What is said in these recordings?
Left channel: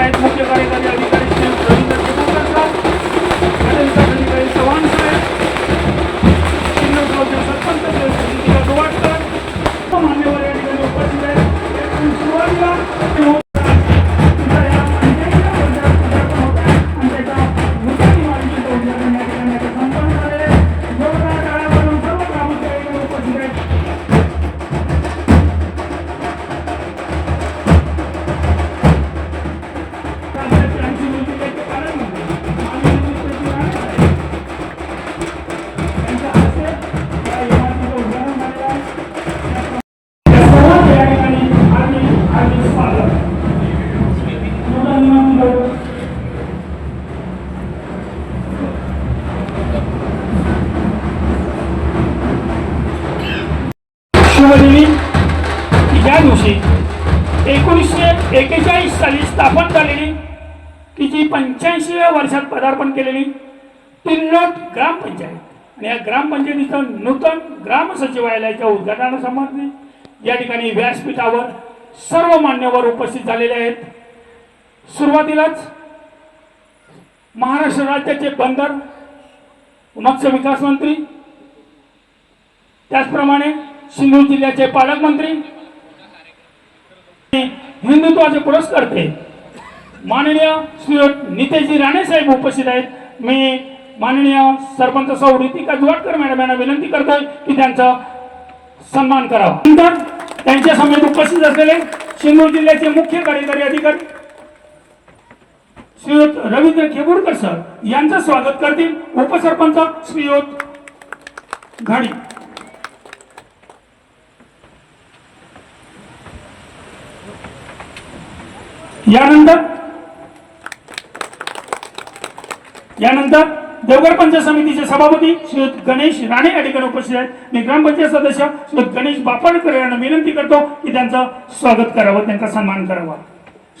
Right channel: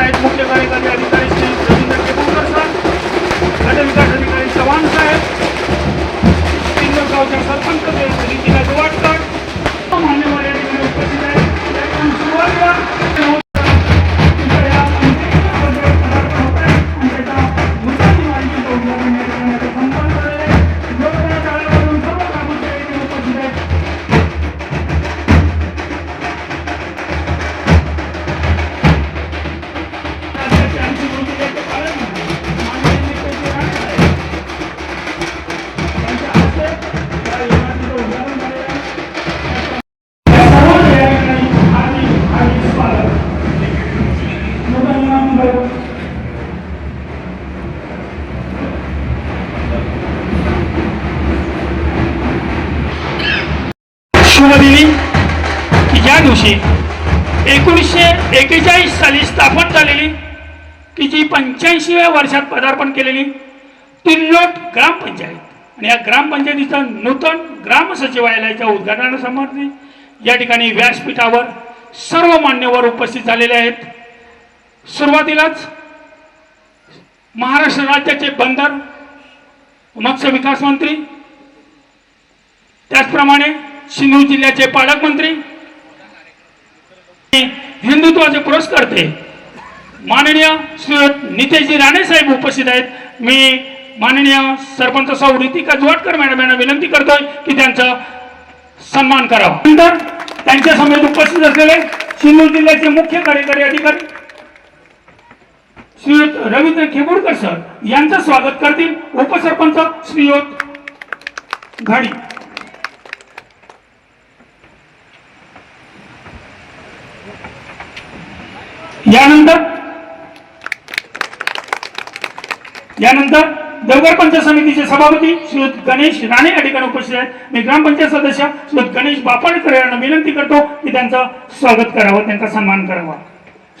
आहेत मुख्य कार्यकारी अधिकारी श्री रवींद्र खेपूरकर साहेब, नगर विकास अधिकारी चव्हाण साहेब, गावचे सरपंच रीतीला दुवाटकर, मान्यवर या ठिकाणी उपस्थित आहेत. त्यातून सुरुवातीला या दिवशी 1941 साली स्थापन झालेली तिची 85व्या वर्षात पदार्पण केलेली तिल्लोट ग्रामपंचायत आणि या ग्रामपंचायतीच्या नूतन ग्राम सचिवालयाच्या उद्घाटनासंबंधी या ठिकाणी व्यासपीठावर सर्व मान्यवर उपस्थित झालेले आहेत. सुरुवातीलाच महाराष्ट्र राज्याचे बंदर मत्स्य विकास मंत्री, त्याचप्रमाणे सिंधुदुर्ग जिल्ह्याचे पालकमंत्री, हिंदुत्वाचे पुरस्कर्ते माननीय श्री नितेशजी राणे साहेब उपस्थित आहेत. मी माननीय सरपंच सौ रीतिका दुवाटकर मॅडम यांना विनंती करतोय की त्यांचा सन्मान करावा. नंतर त्यांच्या समेत उपस्थित असलेले सिंधुदुर्ग जिल्ह्याचे मुख्य कार्यकारी अधिकारी श्रीयुत रवींद्र खेपूरकर सर यांचं स्वागत करतील उपसरपंच श्रीयुत घाडी. यानंतर देवगड पंचायत समितीचे सभापती श्रीयुत गणेश राणे या ठिकाणी उपस्थित आहेत. मी ग्रामपंचायत सदस्य श्रीयुत गणेश बापाडेकर यांना विनंती करतो की त्यांचं स्वागत करावं, त्यांचा सन्मान करावा.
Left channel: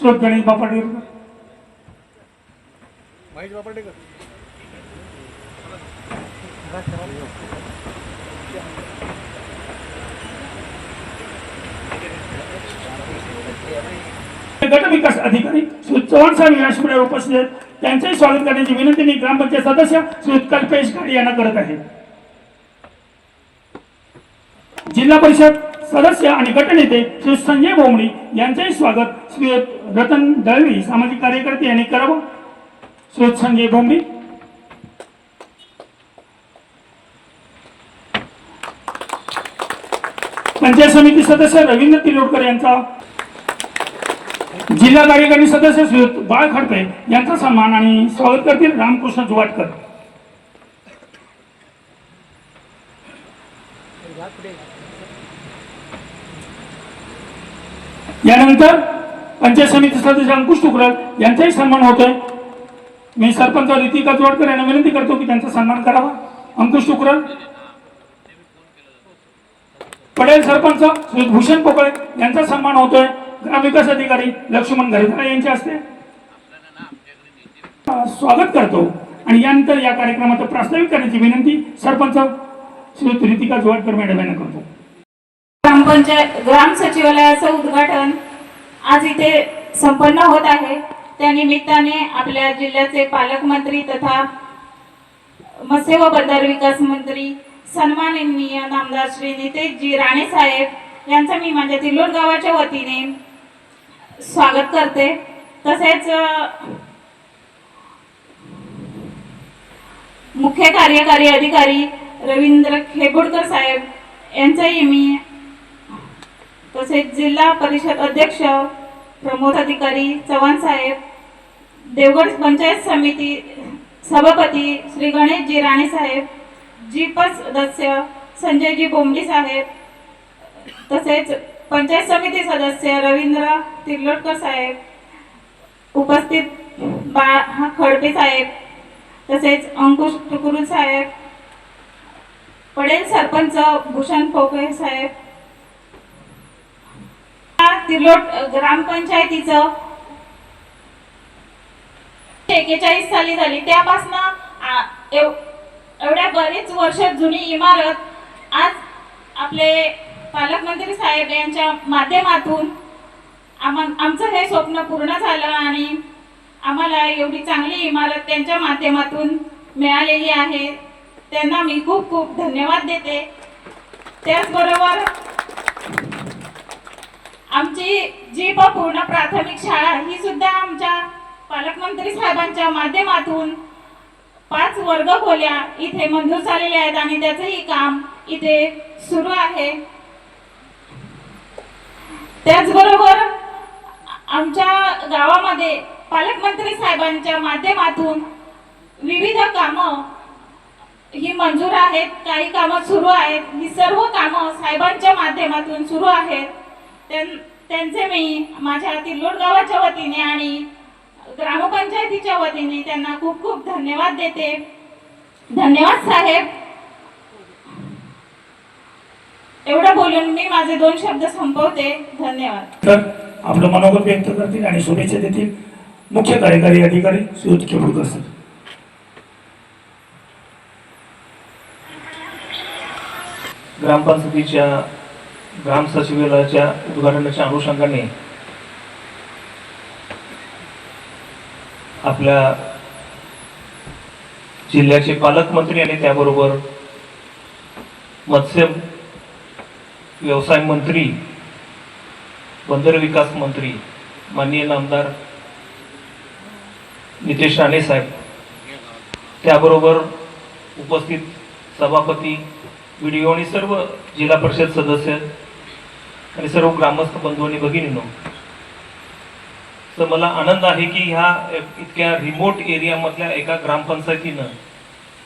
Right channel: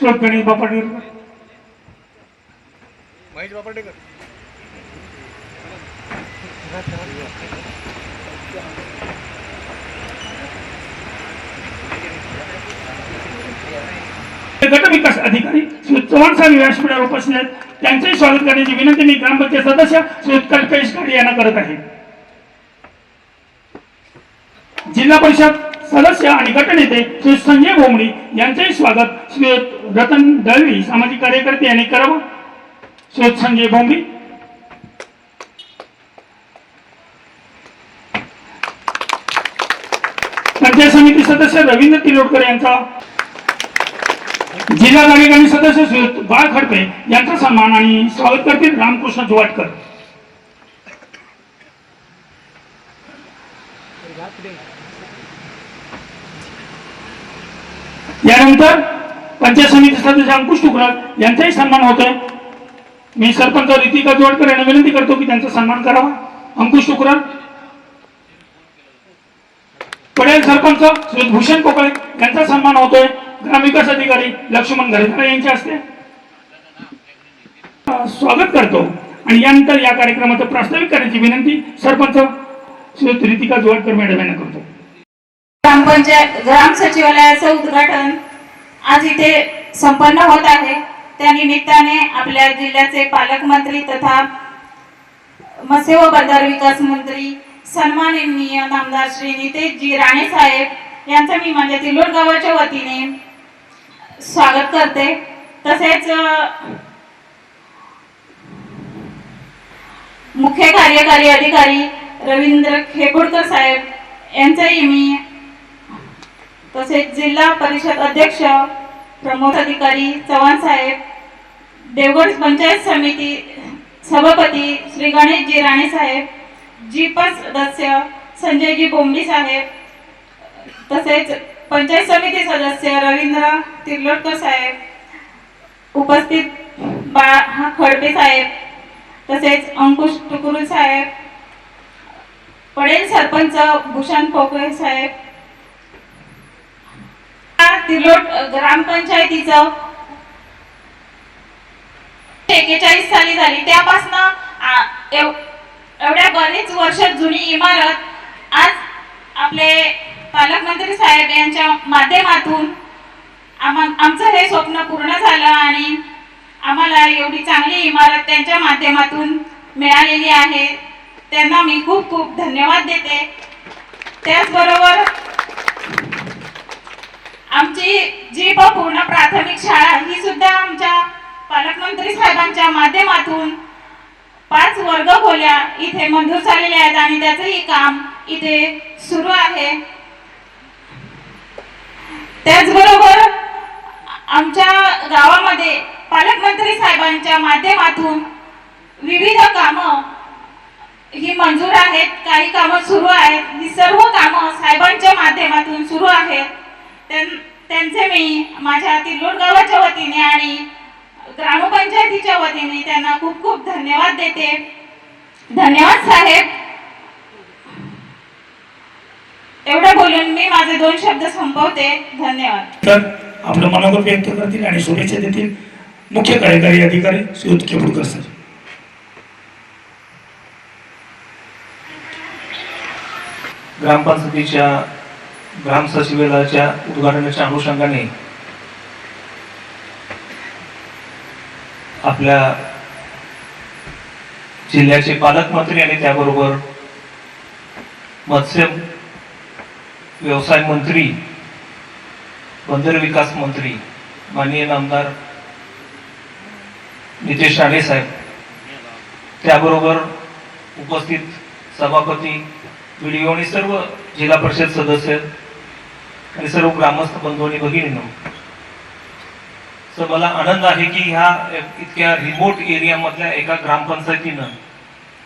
श्रीयुत गणेश बापाडेकर. गट विकास अधिकारी श्री चव्हाण साहेब व्यासपीठावर उपस्थित आहेत. त्यांचंही स्वागत करण्याची विनंती मी ग्रामपंचायत सदस्य श्री कल्पेश घाडी यांना करत आहे. जिल्हा परिषद सदस्य आणि गटनेते श्री संजय भोमडी यांचेही स्वागत श्री रतन दळवी सामाजिक कार्यकर्ते यांनी करावं. श्री संजय भोमडी. पंचायत समिती सदस्य रवींद्र तिलोडकर यांचा, जिल्हा कार्यकारी सदस्य श्री बाळ खडपे यांचा सन्मान आणि स्वागत करतील रामकृष्ण दुवाटकर. यानंतर पंचायत समिती सदस्य अंकुश टुकराल यांचाही सन्मान होत आहे. मी सरपंच रीतिका दुवाटकर यांना विनंती करतो की त्यांचा सन्मान करावा. अंकुश टुकराल. पडेल सरपंच श्री भूषण पोकळे यांचा सन्मान होतोय ग्रामविकास अधिकारी लक्ष्मण घरेकर यांच्या हस्ते स्वागत करतो. आणि यानंतर या कार्यक्रमाचं प्रास्ताविक करण्याची विनंती सरपंच श्री रीतिका दुवाटकर मॅडम यांना करतो. ग्रामपंचायत ग्राम सचिवालयाचं उद्घाटन आज इथे संपन्न होत आहे. त्या निमित्ताने आपल्या जिल्ह्याचे पालकमंत्री तथा मत्स्य व बंदर विकास मंत्री सन्माननीय नामदार श्री नितेशजी राणे साहेब यांचा मी माझ्या तिलोट गावाच्या वतीने स्वागत करते. तसेच मुख्य कार्यकारी अधिकारी रवींद्र खेपूरकर साहेब यांचाही मी, तसेच जिल्हा परिषद अध्यक्ष प्रमोद अधिकारी चव्हाण साहेब, देवगड पंचायत समिती सभापती श्री गणेशजी राणे साहेब, जीपस सदस्य संजयजी बोंबडी साहेब, तसेच पंचायत समिती सदस्य रवींद्र तिर्लोटकर साहेब, उपस्थित खडपे साहेब, तसेच अंकुश टुकुरुल साहेब, पडेल सरपंच भूषण पोकळे साहेब. तिर्लोट ग्रामपंचायतीचं 41 साली झाली. त्यापासून एवढ्या बरेच वर्ष जुनी इमारत आज आपले पालकमंत्री साहेब यांच्या माध्यमातून आमचं हे स्वप्न पूर्ण झालं आणि आम्हाला एवढी चांगली इमारत त्यांच्या माध्यमातून मिळालेली आहे. त्यांना मी खूप खूप धन्यवाद देते. त्याचबरोबर आमची जी पूर्ण प्राथमिक शाळा ही सुद्धा आमच्या पालकमंत्री साहेबांच्या माध्यमातून 5 वर्ग खोल्या इथे मंजूर झालेल्या आहेत आणि त्याचंही काम इथे सुरू आहे. त्याचबरोबर आमच्या गावामध्ये पालकमंत्री साहेबांच्या माध्यमातून विविध कामं ही मंजूर आहेत, काही कामं सुरू आहेत. ही सर्व कामं साहेबांच्या माध्यमातून सुरू आहेत. त्यांचे मी माझ्या तिल्लोड गावाच्या वतीने आणि ग्रामपंचायतीच्या वतीने त्यांना खूप खूप धन्यवाद देते. धन्यवाद साहेब. एवढं बोलून मी माझे 2 शब्द संपवते. धन्यवाद. तर आपलं मनोगत व्यक्त करतील आणि शुभेच्छा देतील मुख्य कार्यकारी अधिकारी श्री केपुडकर सर. ग्रामपंचायतीच्या ग्राम सचिवालयाच्या उद्घाटनाच्या अनुषंगाने आपल्या जिल्ह्याचे पालकमंत्री आणि त्याबरोबर मत्स्य व्यवसाय मंत्री, बंदर विकास मंत्री माननीय नामदार नितेश राणे साहेब, त्याबरोबर उपस्थित सभापती, व्हिडिओ आणि सर्व जिल्हा परिषद सदस्य आणि सर्व ग्रामस्थ बंधू आणि भगिनींनो, तर मला आनंद आहे की ह्या इतक्या रिमोट एरियामधल्या एका ग्रामपंचायतीनं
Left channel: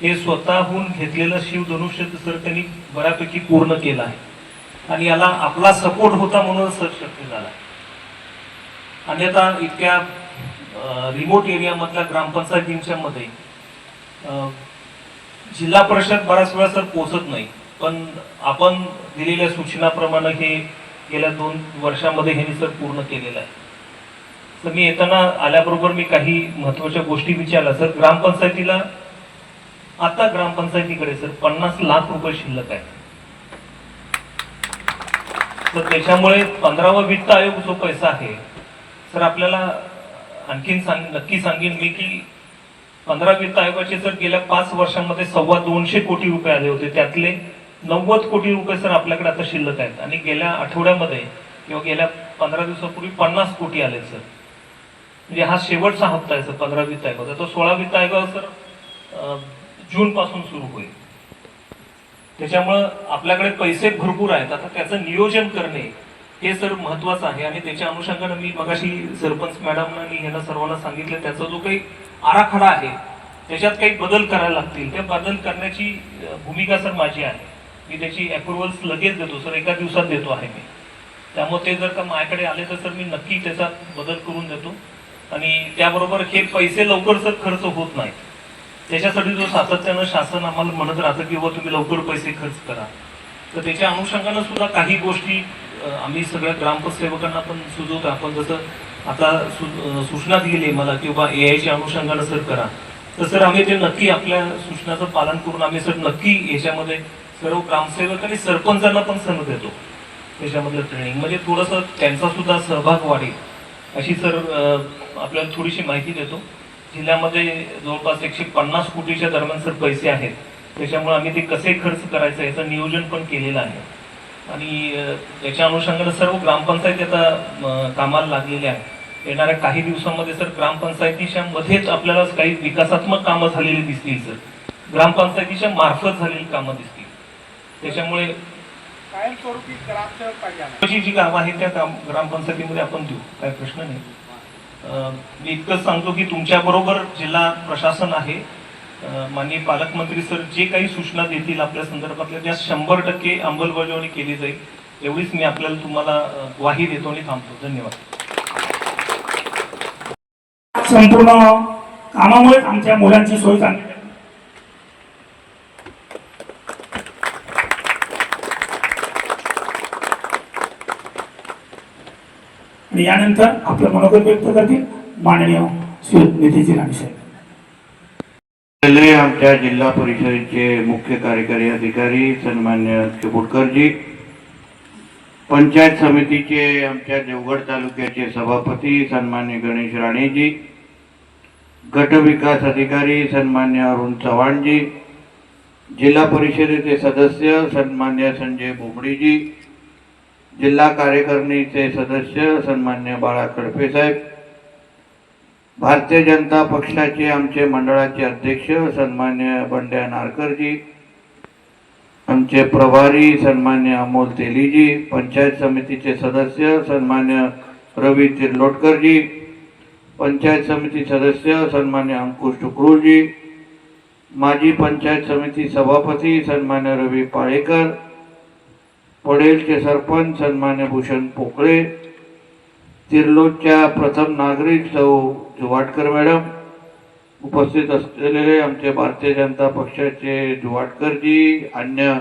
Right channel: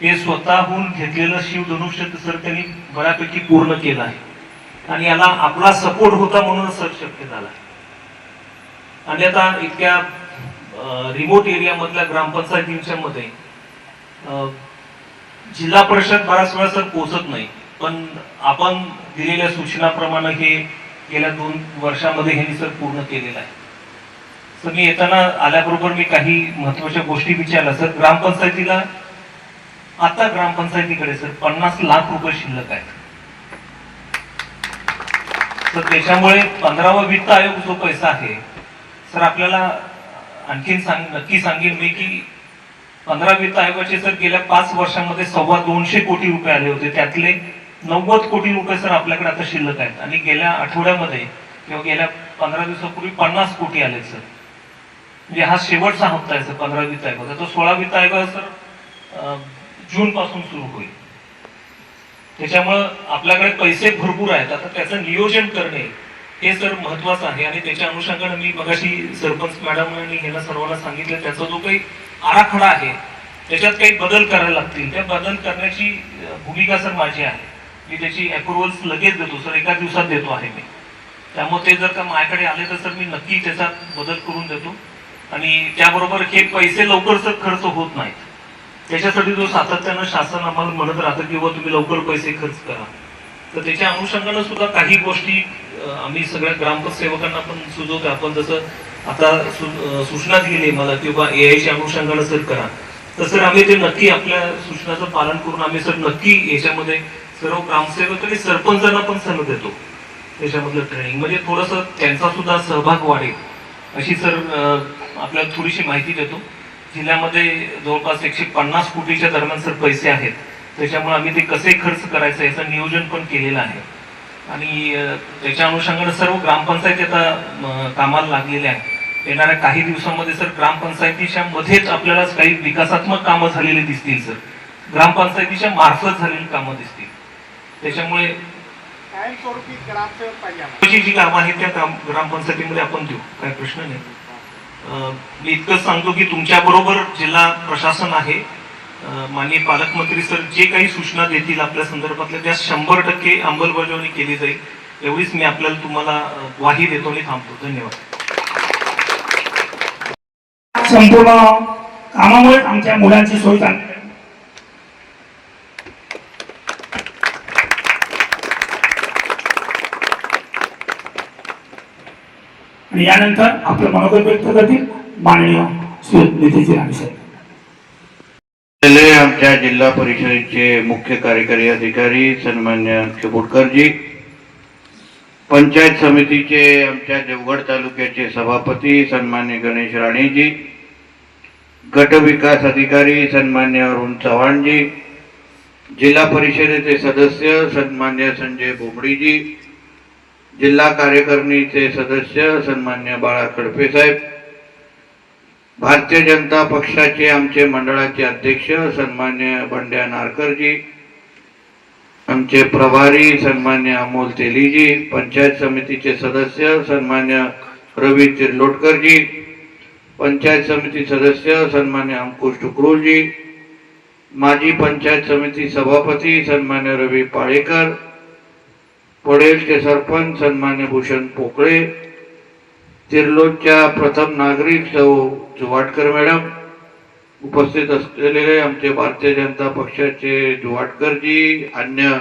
हे स्वतःहून घेतलेलं शिवधनुष्य सर त्यांनी बऱ्यापैकी पूर्ण केलं आहे आणि याला आपला सपोर्ट होता म्हणूनच सर शक्य झाला. आणि आता इतक्या रिमोट एरियामधल्या ग्रामपंचायतींच्या मध्ये जिल्हा परिषद बऱ्याच वेळा सर पोहोचत नाही, पण आपण दिलेल्या सूचनाप्रमाणे हे गेल्या 2 वर्षामध्ये ह्यांनी सर पूर्ण केलेलं आहे. तर मी येताना आल्याबरोबर मी काही महत्वाच्या गोष्टी विचारल्या. सर ग्रामपंचायतीला आता ग्रामपंचायतीकडे सर 50 लाख रुपये शिल्लक आहेत. तर त्याच्यामुळे 15वा वित्त आयोग जो पैसा आहे सर आपल्याला आणखीन नक्की सांगेन मी की 15 वित्त आयोगाचे सर गेल्या 5 वर्षांमध्ये 225 कोटी रुपये आले होते. त्यातले 90 कोटी रुपये सर आपल्याकडे आता शिल्लक आहेत आणि गेल्या आठवड्यामध्ये किंवा गेल्या 15 दिवसापूर्वी 50 कोटी आले सर. म्हणजे हा शेवटचा हप्ता आहे सर 15 वित्त आयोगाचा. तो 16 वित्त आयोग सर जून पासून सुरू होईल. त्याच्यामुळं आपल्याकडे पैसे भरपूर आहेत. आता त्याचं नियोजन करणे हे सर महत्वाचं आहे आणि त्याच्या अनुषंगाने मी मगाशी सरपंच मॅडमनी ह्यांना सर्वांना सांगितलं त्याचा जो काही आराखडा आहे त्याच्यात काही बदल करायला लागतील. त्या बदल करण्याची भूमिका सर माझी आहे. मी त्याची अप्रुव्हल्स लगेच देतो सर, एका दिवसात देतो आहे मी. त्यामुळे ते जर का माझ्याकडे आले तर सर मी नक्की त्याचा बदल करून देतो. आणि त्याबरोबर हे पैसे लवकर सर खर्च होत नाहीत. त्याच्यासाठी जो सातत्यानं शासन आम्हाला म्हणत राहतं की तुम्ही लवकर पैसे खर्च करा, तर त्याच्या अनुषंगानं सुद्धा काही गोष्टी आम्ही सगळ्या ग्रामसेवकांना पण सुचवतो. आपण जसं आता सूचना दिली मला किंवा एआयच्या अनुषंगानं सर करा, तर सर आम्ही ते नक्की आपल्या सूचनाचं पालन करून आम्ही सर नक्की याच्यामध्ये सर्व ग्रामसेवक आणि सरपंचांना पण सल्ला देतो. त्याच्यामधलं ट्रेनिंग म्हणजे थोडंसं त्यांचा सुद्धा सहभाग वाढेल अशी सर आपल्याला थोडीशी माहिती देतो. जिल्ह्यामध्ये जवळपास 150 कोटीच्या दरम्यान सर पैसे आहेत. त्याच्यामुळे आम्ही ते कसे खर्च करायचं याचं नियोजन पण केलेलं आहे आणि त्याच्या अनुषंगाने सर्व ग्रामपंचायती आता कामाला लागलेल्या आहेत. येणाऱ्या काही दिवसांमध्ये सर ग्रामपंचायतीच्या मध्येच आपल्याला काही विकासात्मक कामं झालेली दिसतील सर, ग्रामपंचायतीच्या मार्फत झालेली कामं दिसतील. त्याच्यामुळे जी कामं आहेत त्या ग्रामपंचायतीमध्ये आपण देऊ, काही प्रश्न नाही. मी इतकंच सांगतो की तुमच्या बरोबर जिल्हा प्रशासन आहे. माननीय पालकमंत्री सर जे काही सूचना देतील आपल्या संदर्भातल्या त्या 100% अंमलबजावणी केली जाईल एवढीच मी आपल्याला तुम्हाला ग्वाही देतो आणि थांबतो. धन्यवाद. संपूर्ण कामामुळे आमच्या मुलांची सोय चांगली झाली. आणि यानंतर आपलं मनोगत व्यक्त करतील माननीय श्री नितेश राणे साहेब. आमच्या जिल्हा परिषदेचे मुख्य कार्यकारी अधिकारी सन्मान्य केपुडकरजी, पंचायत समितीचे आमच्या देवगड तालुक्याचे सभापती सन्मान्य गणेश राणेजी, गट विकास अधिकारी सन्मान्य अरुण चव्हाण जी, जिल्हा परिषदेचे सदस्य सन्मान्य संजय बोबडी जी, जिल्हा कार्यकारिणीचे सदस्य सन्मान्य बाळा खडपे साहेब, भारतीय जनता पक्षाचे आमचे मंडळाचे अध्यक्ष सन्मान्य बंड्या नारकर जी, आमचे प्रभारी सन्मान्य अमोल तेलीजी, पंचायत समितीचे सदस्य सन्मान्य रवी तिर्लोटकर जी, पंचायत समिती सदस्य सन्मान्य अंकुश टुकरूजी, माजी पंचायत समिती सभापती सन्मान्य रवी पाळेकर, पडेलचे सरपंच सन्मान्य भूषण पोकळे, तिर्लोटच्या प्रथम नागरिक सौ जुवाटकर मॅडम, उपस्थित असलेले आमचे भारतीय जनता पक्षाचे जुवाटकर जी, अन्य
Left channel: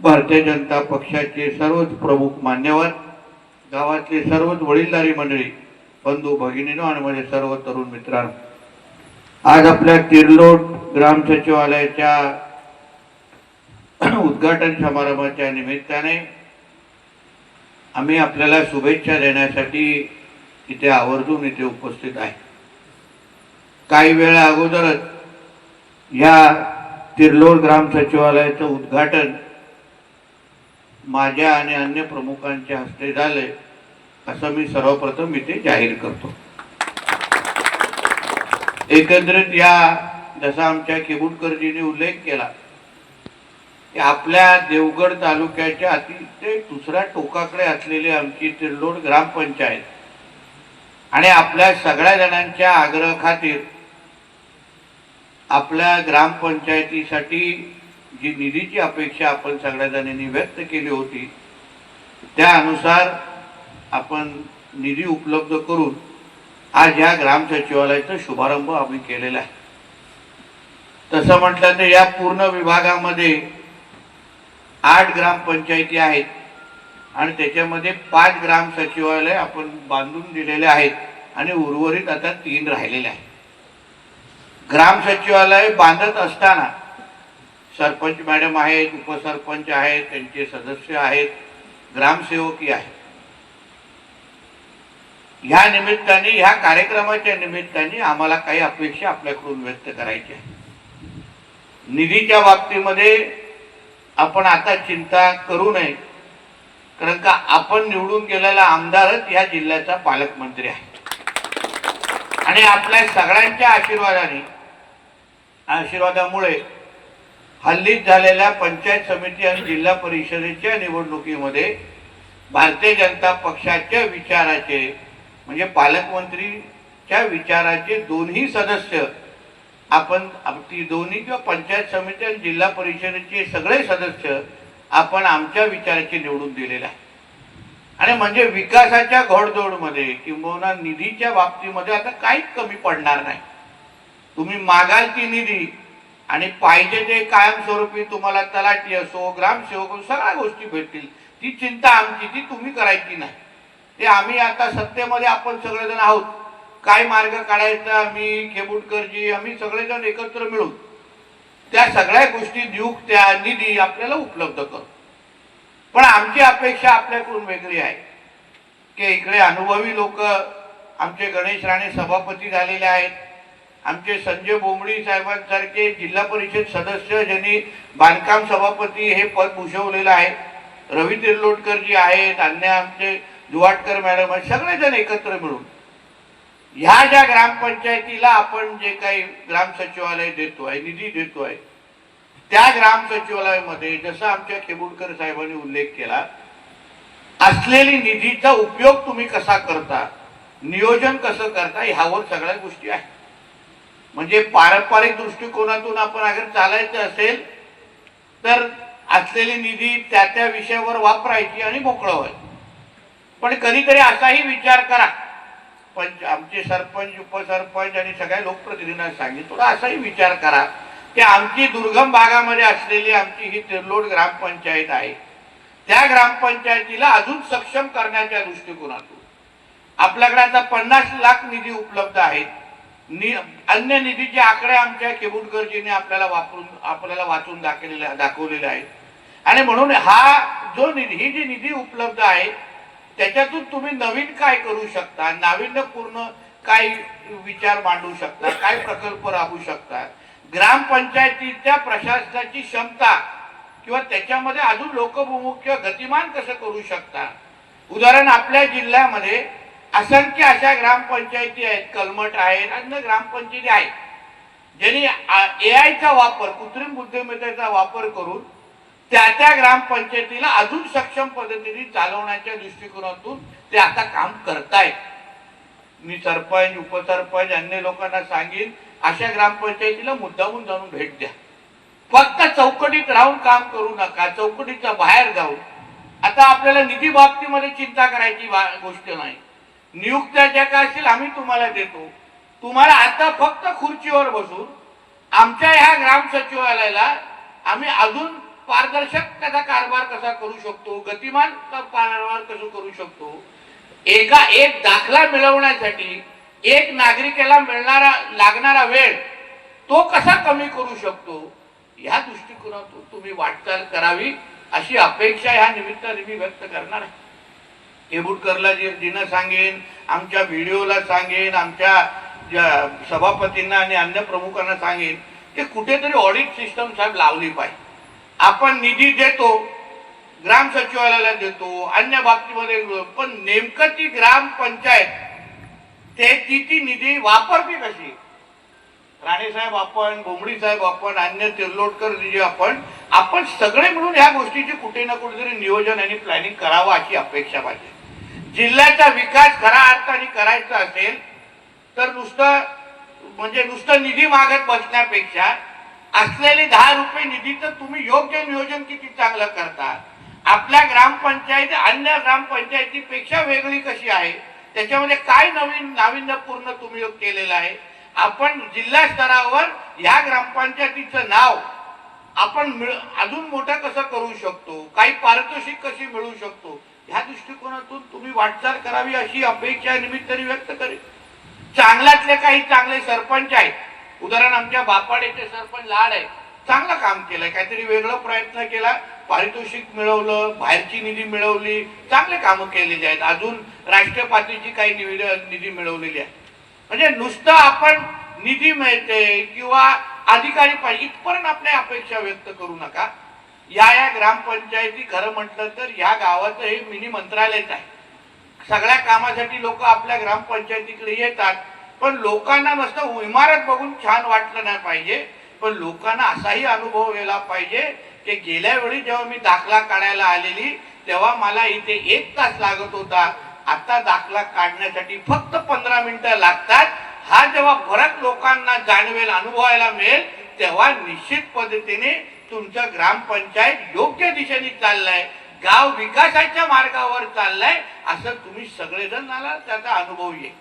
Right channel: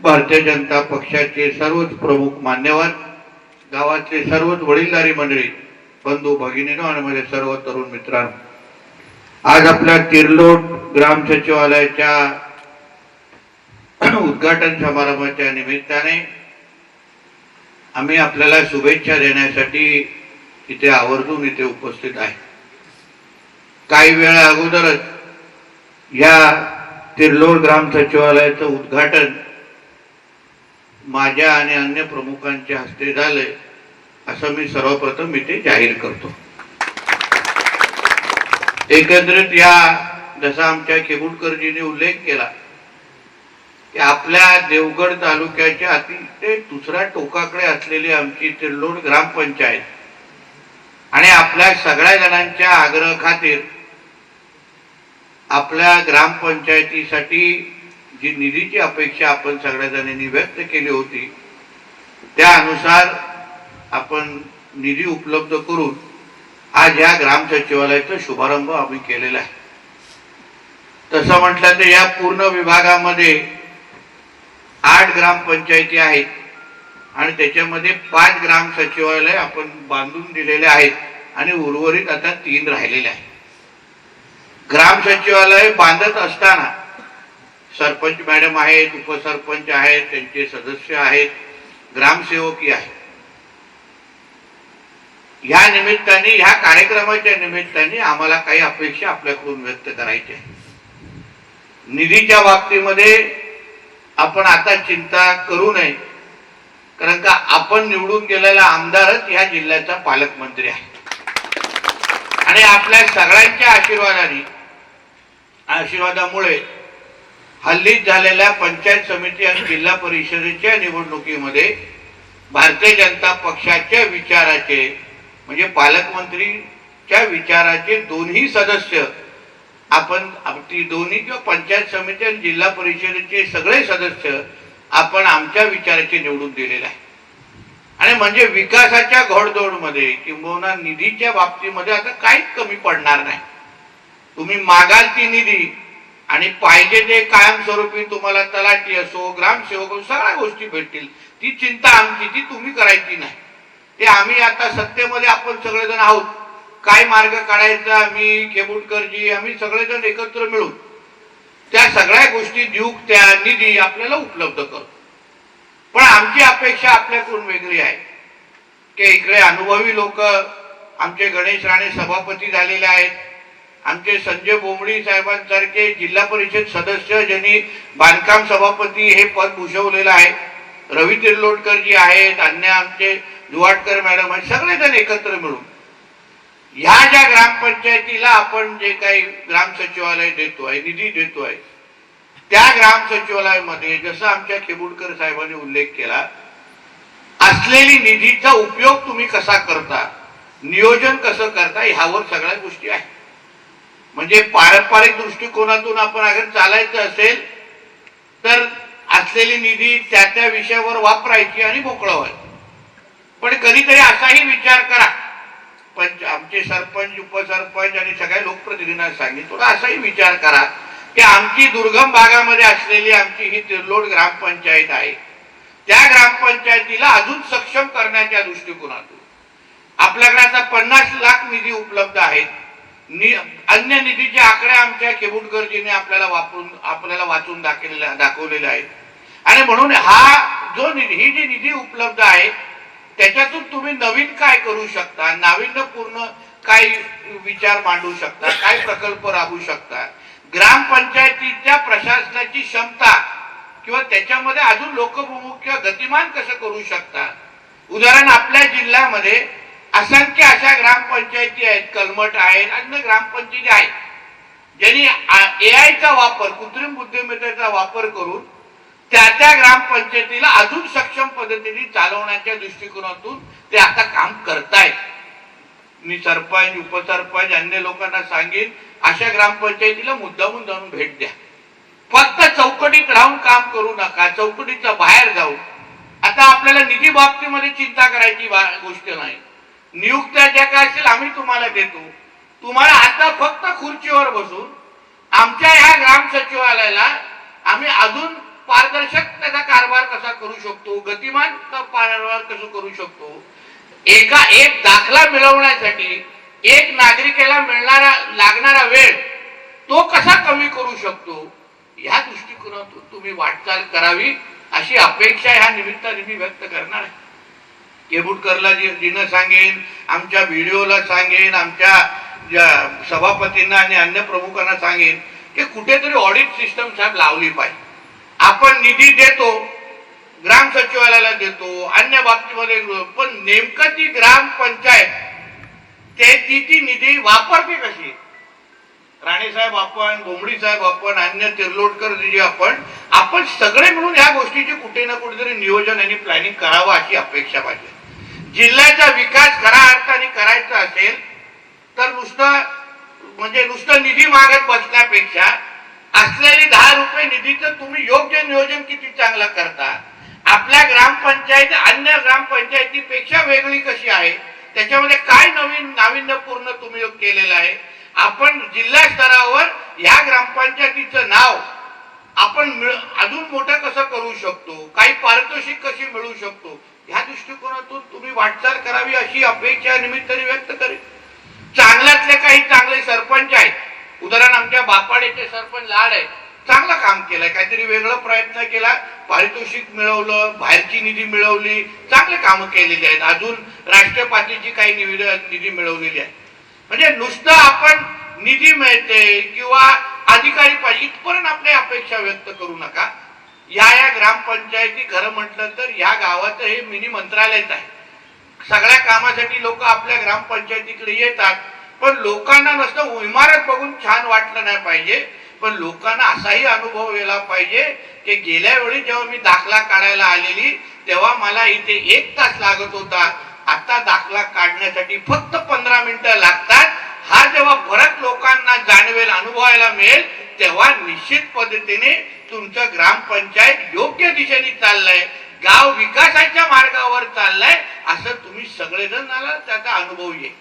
भारतीय जनता पक्षाचे सर्वच प्रमुख मान्यवर, गावातले सर्वच वडीलधारी मंडळी, बंधू भगिनीनो आणि माझे सर्व तरुण मित्रांनो, आज आपल्या तिर्लोट ग्राम सचिवालयाच्या उद्घाटन समारंभाच्या निमित्ताने आम्ही आपल्याला शुभेच्छा देण्यासाठी इथे आवर्जून इथे उपस्थित आहे. काही वेळ अगोदरच या तिर्लोट ग्राम सचिवालयाचं उद्घाटन माझ्या आणि अन्य प्रमुखांच्या हस्ते झाले असं मी सर्वप्रथम इथे जाहीर करतो. एकंदरीत या जसा आमच्या केबुलकरजीने उल्लेख केला की आपल्या देवगड तालुक्याच्या अतिशय दुसऱ्या टोकाकडे असलेली आमची तिर्लोट ग्रामपंचायत आणि आपल्या सगळ्या जणांच्या आग्रह खातीर आपल्या ग्रामपंचायतीसाठी जी निधीची अपेक्षा आपण सगळ्या जणांनी व्यक्त केली होती त्यानुसार आपण निधी उपलब्ध करून आज या ग्राम सचिवालयाचा शुभारंभ आम्ही केलेला आहे. तसं म्हटलं तर या पूर्ण विभागामध्ये 8 ग्रामपंचायती आहेत आणि त्याच्यामध्ये 5 ग्राम सचिवालय आपण बांधून दिलेले आहेत आणि उर्वरित आता 3 राहिलेले आहेत. ग्राम सचिवालय बांधत असताना सरपंच मॅडम आहेत, उपसरपंच आहेत, त्यांचे सदस्य आहेत, ग्रामसेवकही आहेत. ह्या निमित्ताने ह्या कार्यक्रमाच्या निमित्ताने आम्हाला काही अपेक्षा आपल्याकडून व्यक्त करायच्या आहेत. निधीच्या बाबतीमध्ये आपण आता चिंता करू नये, कारण का आपण निवडून गेलेला आमदारच या जिल्ह्याचा पालकमंत्री आहे आणि आपल्या सगळ्यांच्या आशीर्वादामुळे हल्लीच झालेल्या पंचायत समिती आणि जिल्हा परिषदेच्या निवडणुकीमध्ये भारतीय जनता पक्षाच्या विचाराचे म्हणजे पालकमंत्रीच्या विचाराचे दोन्ही सदस्य आपण ती दोन्ही किंवा पंचायत समिती आणि जिल्हा परिषदेचे सगळे सदस्य आपण आमच्या विचाराचे निवडून दिलेले आहे. आणि म्हणजे विकासाच्या घोडदौडमध्ये किंवा निधीच्या बाबतीमध्ये आता काहीच कमी पडणार नाही. तुम्ही मागाल ती निधी आणि पाहिजे ते कायमस्वरूपी तुम्हाला तलाठी असो ग्रामसेवक असो सगळ्या गोष्टी भेटतील. ती चिंता आमची ती तुम्ही करायची नाही. ते आम्ही आता सत्तेमध्ये आपण सगळेजण आहोत. काय मार्ग काढायचा मी केबुलकरजी आम्ही सगळेजण एकत्र मिळून त्या सगळ्या गोष्टी देऊ, त्या निधी आपल्याला उपलब्ध करू. पण आमची अपेक्षा आपल्याकडून वेगळी आहे की इकडे अनुभवी लोक आमचे गणेश राणे सभापती झालेले आहेत, आमचे संजय बोबडी साहेबांसारखे जिल्हा परिषद सदस्य ज्यांनी बांधकाम सभापती हे पद भूषवलेलं आहे, रवी तिर्लोटकरजी आहेत, अन्य आमचे जुवाटकर मॅडम आहेत, सगळेजण एकत्र मिळून ह्या ज्या ग्रामपंचायतीला आपण जे काही ग्राम सचिवालय देतोय निधी देतोय त्या ग्राम सचिवालयामध्ये जसं आमच्या केबुलकर साहेबांनी उल्लेख केला असलेली निधीचा उपयोग तुम्ही कसा करता, नियोजन कसं करता ह्यावर सगळ्या गोष्टी आहेत. म्हणजे पारंपरिक दृष्टिकोनातून आपण अगर चालायचं असेल तर असलेली निधी त्या त्या विषयावर वापरायची आणि मोकळं व्हायचं. पण कधीतरी असाही विचार करा, आमचे सरपंच उपसरपंच आणि सगळ्या लोकप्रतिनिधींना सांगितलं असाही विचार करा की आमची दुर्गम भागामध्ये असलेली आमची ही तिर्लोट ग्रामपंचायत आहे, त्या ग्रामपंचायतीला अजून सक्षम करण्याच्या दृष्टिकोनातून आपल्याकडे आता 50 लाख निधी उपलब्ध आहेत. अन्य निधीचे आकडे आमच्या केबुलकरजीने आपल्याला वाचून दाखवलेले आहेत. आणि म्हणून हा जो निधी ही जी निधी उपलब्ध आहे त्याच्यातून तुम्ही नवीन काय करू शकता, नाविन्यपूर्ण काय विचार मांडू शकता, काय प्रकल्प राबवू शकता, ग्रामपंचायतीच्या प्रशासनाची क्षमता किंवा त्याच्यामध्ये अजून लोकप्रमुख किंवा गतिमान कसं करू शकता. उदाहरण आपल्या जिल्ह्यामध्ये असंख्य अशा ग्रामपंचायती आहेत, कलमठ आहेत, अन्य ग्रामपंचायती आहेत, ज्यांनी AI चा वापर, कृत्रिम बुद्धिमत्तेचा वापर करून त्या ग्रामपंचायतीला अजून सक्षम पद्धतीने चालवण्याच्या दृष्टिकोनातून ते आता काम करतायत. मी सरपंच, उपसरपंच, अन्य लोकांना सांगेन, अशा ग्रामपंचायतीला मुद्दामून जाऊन भेट द्या. फक्त चौकटीत राहून काम करू नका, चौकटीच्या बाहेर जाऊन. आता आपल्याला निधी बाबतीमध्ये चिंता करायची गोष्ट नाही. नियुक्त्या ज्या काय असेल आम्ही तुम्हाला देतो. तुम्हाला आता फक्त खुर्चीवर बसून आमच्या ह्या ग्राम सचिवालयाला आम्ही अजून पारदर्शक त्याचा कारभार कसा करू शकतो, गतिमान कारभार कसं करू शकतो, एक दाखला मिळवण्यासाठी एक नागरिकाला लागणारा वेळ तो कसा कमी करू शकतो, ह्या दृष्टिकोनातून तुम्ही वाटचाल करावी अशी अपेक्षा ह्या निमित्ताने मी व्यक्त करणार आहे. केबुटकरला जिनं सांगेन, आमच्या व्हिडिओला सांगेन, आमच्या सभापतींना आणि अन्य प्रमुखांना सांगेन की कुठेतरी ऑडिट सिस्टम साहेब लावली पाहिजे. आपण निधी देतो, ग्राम सचिवालयाला देतो, अन्य बाबतीमध्ये, पण नेमकं ती ग्रामपंचायत ती निधी वापरते कशी. राणे साहेब आपण, घोंबडी साहेब आपण, अन्य तिर्लोटकर जी आपण सगळे मिळून ह्या गोष्टीची कुठे ना कुठेतरी नियोजन आणि प्लॅनिंग करावं अशी अपेक्षा पाहिजे. जिल्ह्याचा विकास खऱ्या अर्थाने करायचा असेल तर नुसतं निधी मागत बसण्यापेक्षा असलेले 10 रुपये निधीचं तुम्ही योग्य नियोजन किती चांगलं करता, आपल्या ग्रामपंचायत अन्य ग्रामपंचायतीपेक्षा वेगळी कशी आहे, त्याच्यामध्ये काय नवीन नाविन्यपूर्ण तुम्ही केलेलं आहे. आपण जिल्हा स्तरावर या ग्रामपंचायतीचं नाव आपण अजून मोठं कसं करू शकतो, काही पारितोषिक कशी मिळू शकतो, ह्या दृष्टिकोनातून तुम्ही वाटचाल करावी अशी अपेक्षा निमित्ताने व्यक्त करेन. चांगल्यातले काही चांगले सरपंच आहेत. उदाहरण आमच्या बापाडेचे सरपंच लाड आहे, चांगलं काम केलंय, काहीतरी वेगळं प्रयत्न केला, पारितोषिक मिळवलं, बाहेरची निधी मिळवली, चांगले कामं केलेली आहेत. अजून राष्ट्रीय पातळीची काही निधी मिळवलेली आहे. म्हणजे नुसतं आपण निधी मिळते किंवा अधिकारी पाहिजे इथपर्यंत आपल्या अपेक्षा व्यक्त करू नका. या ग्रामपंचायती खरं म्हटलं तर या गावाचं हे मिनी मंत्रालयच आहे. सगळ्या कामासाठी लोक आपल्या ग्रामपंचायतीकडे येतात, पण लोकांना नुसतं इमारत बघून छान वाटलं नाही पाहिजे, पण लोकांना असाही अनुभव यायला पाहिजे की गेल्या वेळी जेव्हा मी दाखला काढायला आलेली तेव्हा मला इथे 1 तास लागत होता, आता दाखला काढण्यासाठी फक्त 15 मिनिटं लागतात. हा जेव्हा फरक लोकांना जाणवेल, अनुभवायला मिळेल, तेव्हा निश्चित पद्धतीने तुमचं ग्रामपंचायत योग्य दिशेने चाललंय, गाव विकासाच्या मार्गावर चाललंय असं तुम्ही सगळेजण त्याचा अनुभव येईल.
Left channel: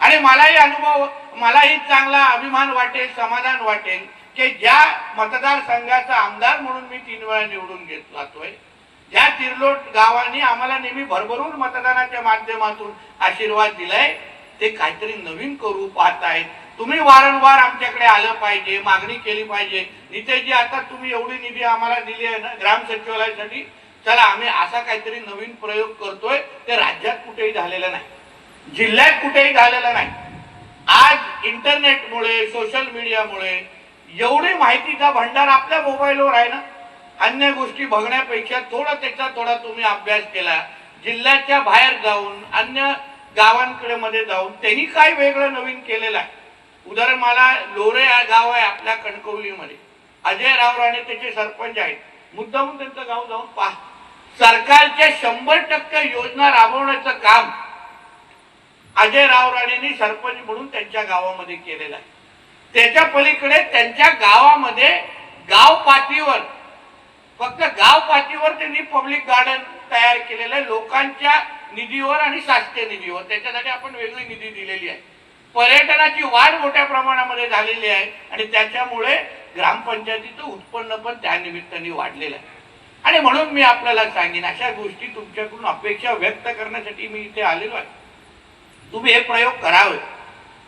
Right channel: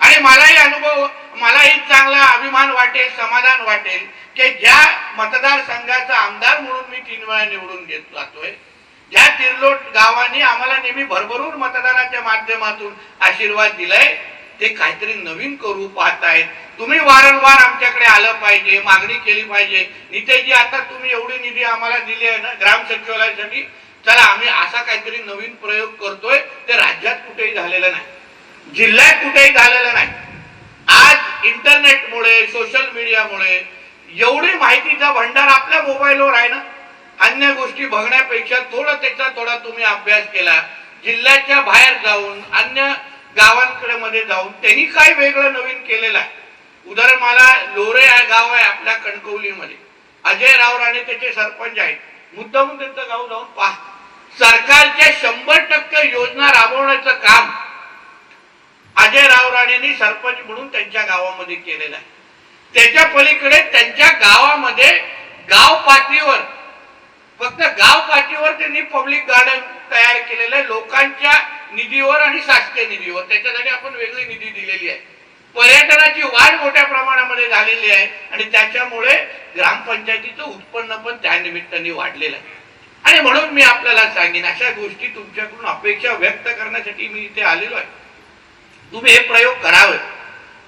आणि मलाही चांगला अभिमान वाटेल, समाधान वाटेल की ज्या मतदारसंघाचा आमदार म्हणून मी 3 वेळा निवडून जातोय, ज्या तिर्लोट गावांनी आम्हाला नेहमी भरभरून मतदानाच्या माध्यमातून आशीर्वाद दिलाय, ते काहीतरी नवीन करू पाहतायत. तुम्ही वारंवार आमच्याकडे आलं पाहिजे, मागणी केली पाहिजे. नितेशजी, आता तुम्ही एवढी निधी आम्हाला दिली आहे ना ग्राम सचिवालयासाठी, चला आम्ही असा काहीतरी नवीन प्रयोग करतोय. ते राज्यात कुठेही झालेलं नाही, जिल्ह्यात कुठेही झालेलं नाही. आज इंटरनेटमुळे, सोशल मीडियामुळे एवढी माहितीचा भंडार आपल्या मोबाईलवर आहे ना. अन्य गोष्टी बघण्यापेक्षा थोडा तुम्ही अभ्यास केला, जिल्ह्याच्या बाहेर जाऊन अन्य गावांकडे मध्ये जाऊन त्यांनी काय वेगळं नवीन केलेलं आहे. उदाहरण मला लोरे हा गाव आहे आपल्या कणकवलीमध्ये, अजय राव राणे त्याचे सरपंच आहेत. मुद्दामून त्यांचं गाव जाऊन पहा. सरकारच्या 100% योजना राबवण्याचं काम अजय राव राणेंनी सरपंच म्हणून त्यांच्या गावामध्ये केलेलं आहे. त्याच्या पलीकडे त्यांच्या गावामध्ये गाव पातळीवर, फक्त गाव पातळीवर त्यांनी पब्लिक गार्डन तयार केलेलं आहे लोकांच्या निधीवर आणि शासकीय निधीवर. त्याच्यासाठी आपण वेगळी निधी दिलेली आहे. पर्यटनाची वाढ मोठ्या प्रमाणामध्ये झालेली आहे आणि त्याच्यामुळे ग्रामपंचायतीचं उत्पन्न पण त्या निमित्ताने वाढलेलं आहे. आणि म्हणून मी आपल्याला सांगेन, अशा गोष्टी तुमच्याकडून अपेक्षा व्यक्त करण्यासाठी मी इथे आलेलो आहे. तुम्ही हे प्रयोग करावे.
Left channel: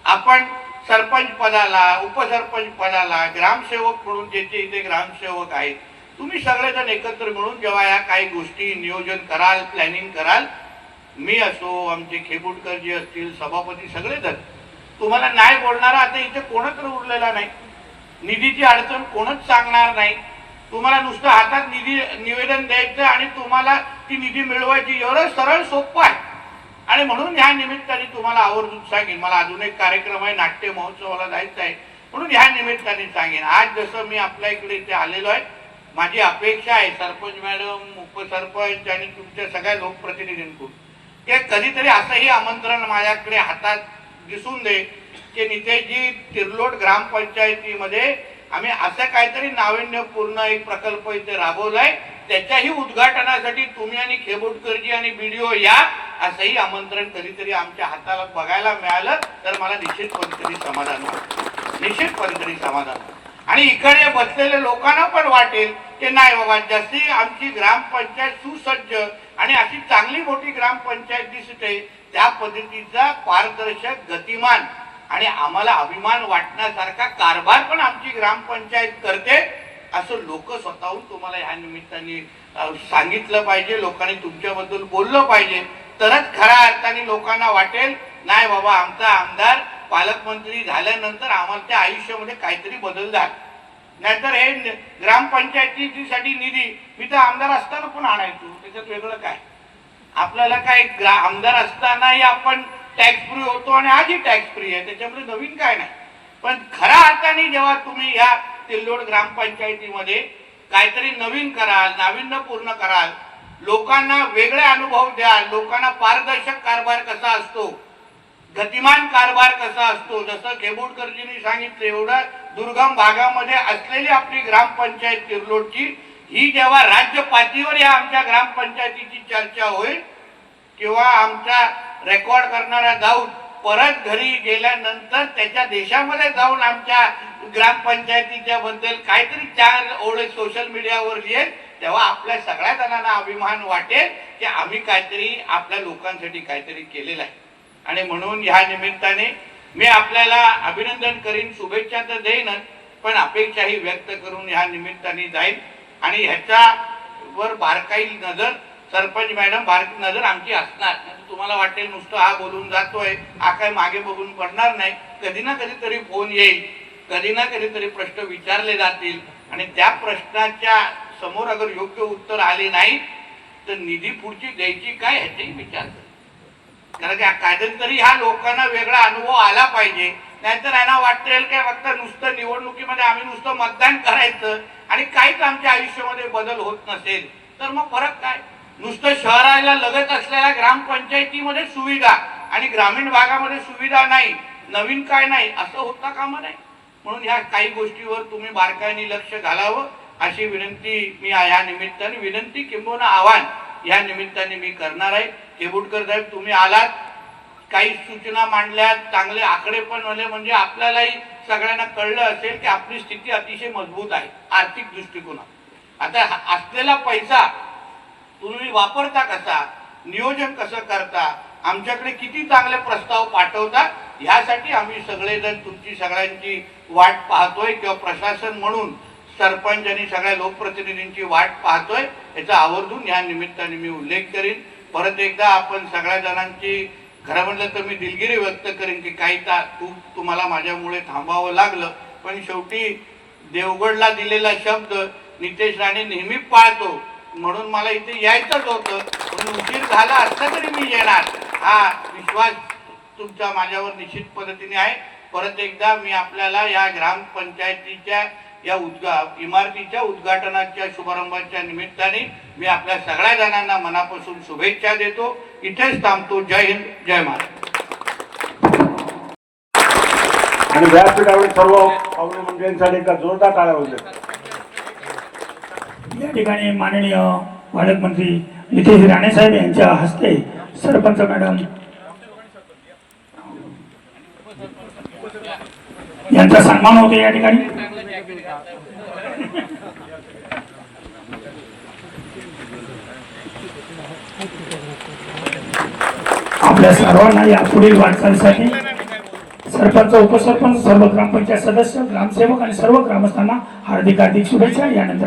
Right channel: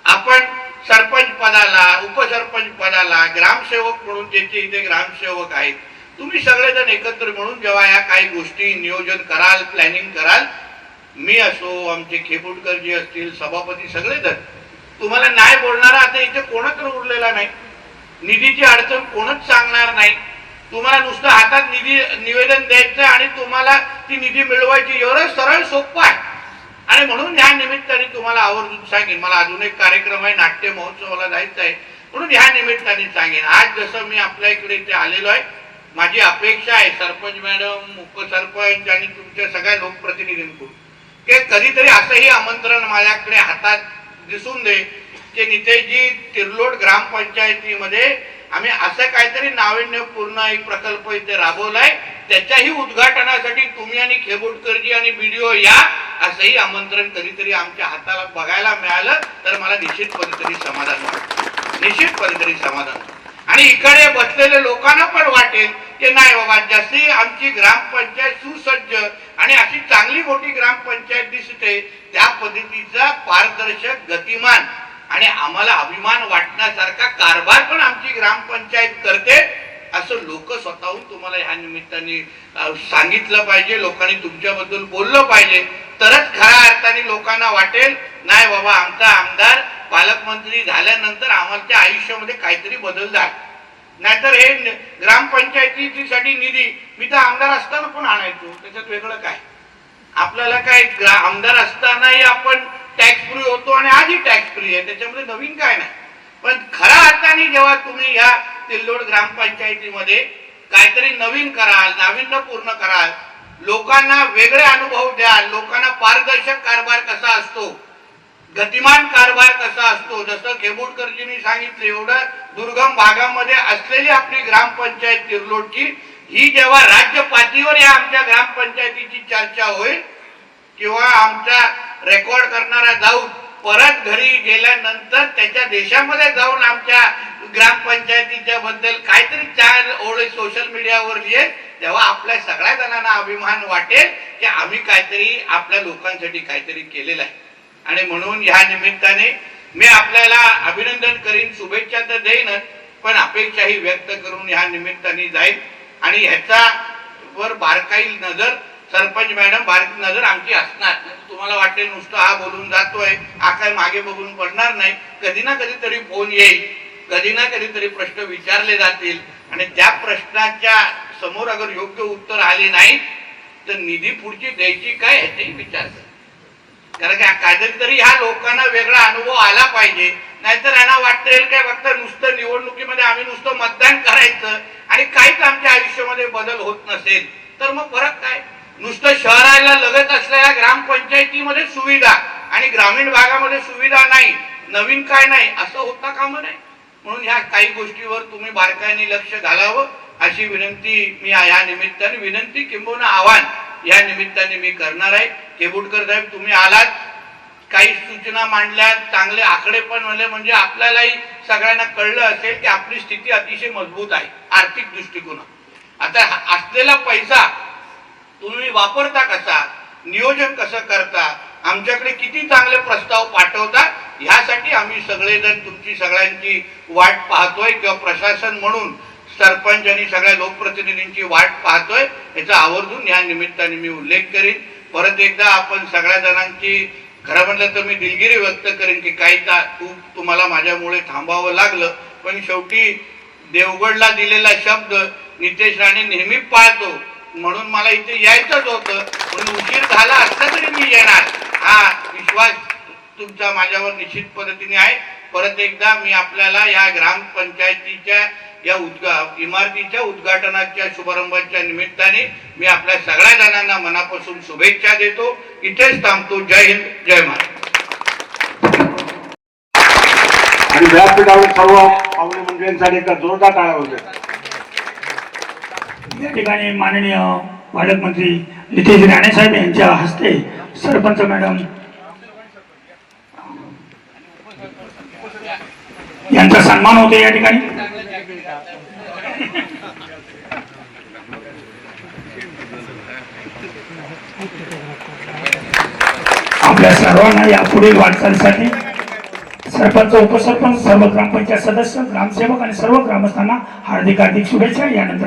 आपण सरपंच पदाला, उपसरपंच पदाला, ग्रामसेवक म्हणून ज्याचे इथे ग्रामसेवक आहेत, तुम्ही सगळेजण एकत्र मिळून जेव्हा या काही गोष्टी नियोजन कराल, प्लॅनिंग कराल, मी असो, आमचे खेपुटकर जी असतील, सभापती, सगळेजण तुम्हाला नाही बोलणारा आता इथे कोणच उरलेला नाही. निधीची अडचण कोणच सांगणार नाही. तुम्हाला नुसतं हातात निधी निवेदन द्यायचं आणि तुम्हाला ती निधी मिळवायची, एवढं सरळ सोपं आहे. आणि म्हणून या निमित्ताने तुम्हाला आवर्जून सांगेन, मला अजून एक कार्यक्रम आहे, नाट्य महोत्सवाला जायचं आहे, म्हणून ह्या निमित्ताने सांगेन. आज जसं मी आपल्या इकडे इथे आलेलो आहे, माझी अपेक्षा आहे सरपंच मॅडम, उपसरपंच आणि तुमच्या सगळ्या लोकप्रतिनिधींकडून की कधीतरी असंही आमंत्रण माझ्याकडे हातात दिसून दे की नितेशजी, तिर्लोट ग्रामपंचायतीमध्ये आम्ही असं काहीतरी नाविन्यपूर्ण एक प्रकल्प इथे राबवलाय, त्याच्याही उद्घाटनासाठी तुम्ही आणि खेबोडकरजी आणि बीडीओ या, असंही आमंत्रण कधीतरी आमच्या हाताला बघायला मिळालं तर मला निश्चित कधीतरी समाधान वाटतं, निश्चित कधीतरी समाधान. आणि इकडे बसलेल्या लोकांना पण वाटेल की नाही बाबा, जशी आमची ग्रामपंचायत सुसज्ज आणि अशी चांगली मोठी ग्रामपंचायत दिसते, त्या पद्धतीचा पारदर्शक, गतिमान आणि आम्हाला अभिमान वाटण्यासारखा कारभार पण आमची ग्रामपंचायत करते, असं लोक स्वतःहून तुम्हाला ह्या निमित्ताने सांगितलं पाहिजे. लोकांनी तुमच्याबद्दल बोललं पाहिजे, तरच खऱ्या अर्थाने लोकांना वाटेल नाही बाबा, आमचा आमदार पालकमंत्री झाल्यानंतर आम्हाला आयुष्यामध्ये काहीतरी बदल झाला. नाहीतर हे ग्रामपंचायतीसाठी निधी मी तर आमदार असताना पण आणायचो, त्याच्यात वेगळं काय. आपल्याला काय आमदार असतानाही आपण टॅक्स फ्री होतो आणि आजही टॅक्स फ्री आहे, त्याच्यामध्ये नवीन काय नाही. पण खऱ्या अर्थाने जेव्हा तुम्ही या तिल्लोड ग्रामपंचायतीमध्ये काहीतरी नवीन कराल, नाविन्यपूर्ण कराल, लोकांना वेगळे अनुभव द्याल, लोकांना पारदर्शक कारभार कसा असतो, गतिमान कारभार कसा असतो, जसं खेबोडकरजींनी सांगितलं, एवढ्या दुर्गम भागामध्ये असलेली आपली ग्रामपंचायत तिर्लोटची, ही जेव्हा राज्य पातळीवर या आमच्या ग्रामपंचायतीची चर्चा होईल किंवा आमचा रेकॉर्ड करणारा जाऊन परत घरी गेल्यानंतर त्याच्या देशामध्ये जाऊन आमच्या ग्रामपंचायतीच्या बद्दल काहीतरी 4 ओळी सोशल मीडियावर लिहेल, तेव्हा आपल्या सगळ्या जणांना अभिमान वाटेल की आम्ही काहीतरी आपल्या लोकांसाठी काहीतरी केलेलं आहे. आणि म्हणून ह्या निमित्ताने मी आपल्याला अभिनंदन करीन, शुभेच्छा तर देईनच, पण अपेक्षाही व्यक्त करून ह्या निमित्ताने जाईल. आणि ह्याचा वर बारकाई नजर सरपंच मॅडम, बारकी नजर आमची असणार. तुम्हाला वाटेल नुसतं हा बोलून जातोय, हा काय मागे बघून पडणार नाही. कधी ना कधीतरी फोन येईल, कधी ना कधीतरी प्रश्न विचारले जातील आणि त्या प्रश्नाच्या समोर अगर योग्य उत्तर आले नाही तर निधी पुढची द्यायची काय ह्याचाही विचार करा. कारण की काहीतरी तरी ह्या लोकांना वेगळा अनुभव आला पाहिजे. नाहीतर यांना वाटेल काय फक्त नुसतं निवडणुकीमध्ये आम्ही नुसतं मतदान करायचं आणि काहीच आमच्या आयुष्यामध्ये बदल होत नसेल तर मग फरक काय. नुसतं शहराला लगत असलेल्या ग्रामपंचायतीमध्ये सुविधा आणि ग्रामीण भागामध्ये सुविधा नाही, नवीन काय नाही, असं होता कामा नाही. म्हणून ह्या काही गोष्टीवर तुम्ही बारकाईने लक्ष घालावं अशी विनंती मी या निमित्ताने, विनंती किंबहुना आव्हान या निमित्ताने मी करणार आहे. केबुटकर साहेब, तुम्ही आलात, काही सूचना मांडल्या, चांगले आकडे पण म्हणले, म्हणजे आपल्यालाही सगळ्यांना कळलं असेल की आपली स्थिती अतिशय मजबूत आहे आर्थिक दृष्टिकोनात. आता असलेला पैसा तुम्ही वापरता कसा, नियोजन कसं करता, आमच्याकडे किती चांगले प्रस्ताव पाठवता, ह्यासाठी आम्ही सगळेजण तुमची सगळ्यांची वाट पाहतोय किंवा प्रशासन म्हणून सरपंच आणि सगळ्या लोकप्रतिनिधींची वाट पाहतोय. याचा आवर्जून या निमित्ताने मी उल्लेख करीन. परत एकदा आपण सगळ्या जणांची खरं म्हटलं तर मी दिलगिरी व्यक्त करेन की काही तुम्हाला माझ्यामुळे थांबावं लागलं, पण शेवटी देवगडला दिलेला शब्द नितेश राणे नेहमी पाळतो, म्हणून मला इथे यायचंच होतं. म्हणून उशीर झाला असता तरी मी येणार, हा विश्वास तुमचा माझ्यावर निश्चित पद्धतीने आहे. परत एकदा मी आपल्याला या ग्रामपंचायतीच्या या इमारतीच्या उद्घाटनाच्या शुभारंभाच्या निमित्ताने मी आपल्या सगळ्या जणांना मनापासून शुभेच्छा देतो. इथेच थांबतो. जय हिंद, जय महाराष्ट्र. आणि व्यासपीठावर सर्व पाहुणे मंडळींसाठी एकदा जोरदार टाळ्या होत्या. या ठिकाणी माननीय पालकमंत्री नितेश राणे साहेब यांच्या हस्ते सरपंच मॅडम यांचा सन्मान होतो या ठिकाणी. आपल्या सर्वांना या पुढील वाटचालीसाठी सरपंच, उपसरपंच, सर्व ग्रामपंचायत सदस्य, ग्रामसेवक आणि सर्व ग्रामस्थांना हार्दिक शुभेच्छा. यानंतर